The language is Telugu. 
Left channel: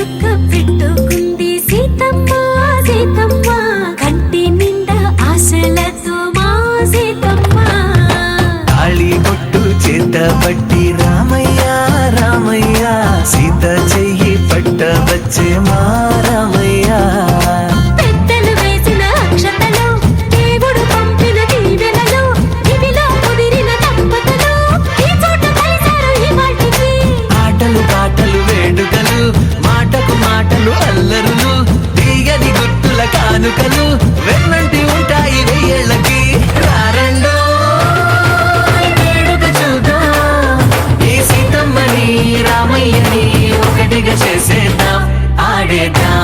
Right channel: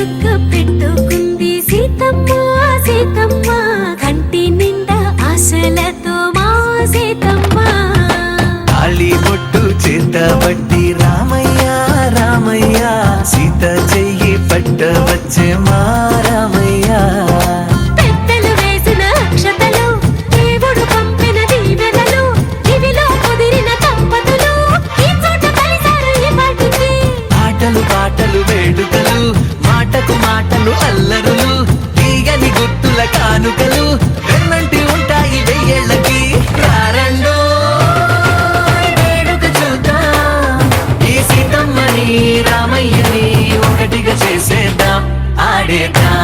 చుక్క పెట్టుకుంది సీతమ్మ సీతమ్మ కంటి నిండా ఆశలతో మా సీతమ్మ తాళి బొట్టు చేత బట్టి రామయ్య రామయ్య సీత చెయ్యి పట్ట వచ్చే మా రామయ్య పెద్దలు వేసిన అక్షతలు దేవుడు పంపిన దీవెనలు ఇవిలో కుదిరిన దంపతులు ఈ చోట కలిసారు ఈ పాటికి ఆటలు పాటలు వేడుకలు మాటకు మాటలు అల్లరులు తీయని గుర్తుల కానుకలు వెన్నంటి ఉంటాయి వెయ్యేళ్ళకి రారండో వేడుక చూద్దాం ఈ సీతమ్మని రామయ్యని ఒకటిగా చేసేద్దాం ఆడేద్దాం